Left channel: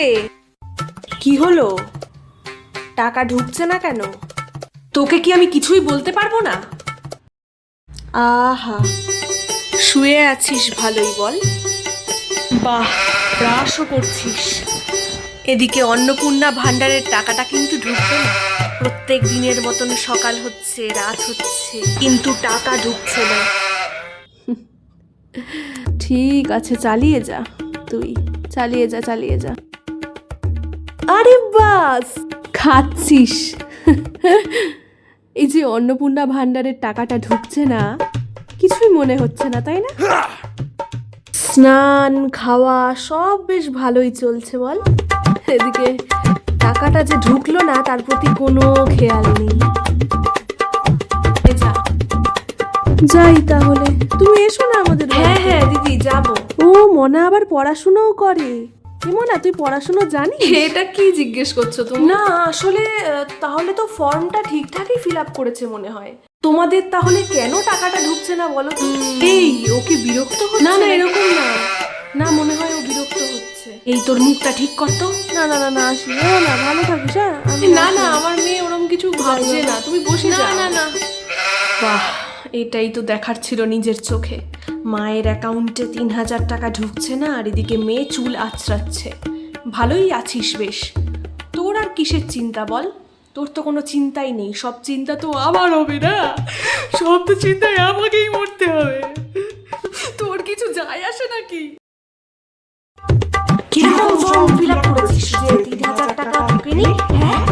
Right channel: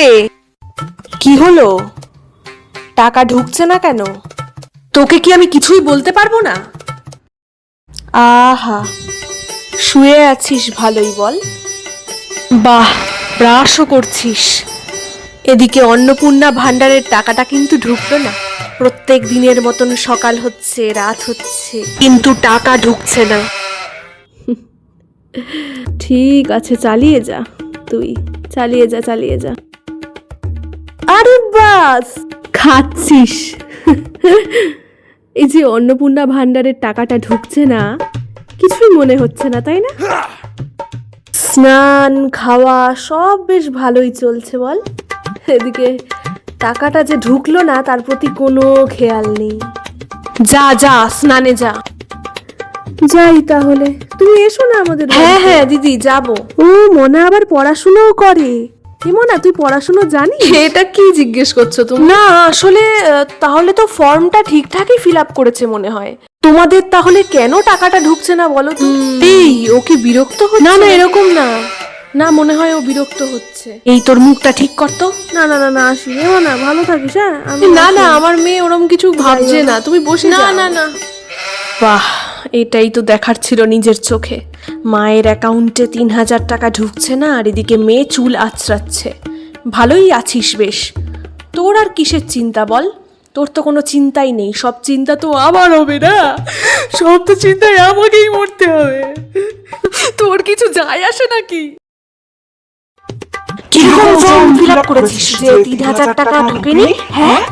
রে, কি হলো? টাকা ঢুকছে না কেন? তোকে কি আমি কিছুই বলতে পারবো না? আহা, শুয়ে আছিস ভালোই বল। বাহ, ব্রাশও করছিস। এদিকে অন্নপূর্ণা ভান্ডারের টাকাটা কিন্তু ঢুকবে না। প্রত্যেক দিনের মতন সকাল হচ্ছে, রাত হচ্ছে, কিন্তু টাকা ঢুকছে না। ঠিক আছে, চালিয়ে যা, তুই চালিয়ে যা, চালিয়ে যা। আরে বাস, খাচ্ছিস। এই যে অন্নপূর্ণা ভান্ডারের টাকাটা ঢুকছে না, কিছুই মনে হচ্ছে না, তাই না? স্নান খাওয়া সব বেশ ভালোই চলছে বল। এদিকে টাকাটা যে ঢুকলো না তার প্রতি কোনো খেয়াল নেই। যা যা, স্নানে যা। যাই তাহলে, তুমি এসো না আমাদের বাড়িতে। হ্যাঁ হ্যাঁ দিদি, যাব। ও মনে আবার পড়াশোনাও করে। কি মনে, তুই পড়াশোনা জানিস? এটা কি জিজ্ঞেস করছো তুমি? না আসলে তাহলে তো ফর্মটা ঠিকঠাকই ফিল আপ করেছে মনে হয়। তোমাদের তাহলে কেন টাকাটা ঢুকছে না বলো তো? এই, ও কি বিরক্ত হচ্ছে? না না, এরকম না। না, মনে হয় ও বিরক্ত হচ্ছে। এই, তোর মুখটা ঠিক কর তো। না না না না, আসি না, ভালো থাকিস। হ্যাঁ, না না, আমার মেয়ে ওরম কিছু ভাবছে না, তুমি বসে যাও। না না না। বাহ, এটাই তো দেখার ছিল নিজের চোখে। মায়ের অ্যাকাউন্টে ৩,০০০ টাকা ঢুকছে না, আর এদিকে মেয়ে চুল আঁচড়াচ্ছে। ভালোই আছিস বেশ। তোর আর কিসের চিন্তা বল? তোর তো কোনো চিন্তাই নেই, সব চিন্তা তো আমার হবে না। সব তো চিন্তায় আমাকেই মরতে হবে। তোর কিছু যায় আসে নাকি? কিরকম ফর্ম ফিল আপ করেছিস যে ৩,০০০ টাকা ঢুকেনি? হ্যাঁ,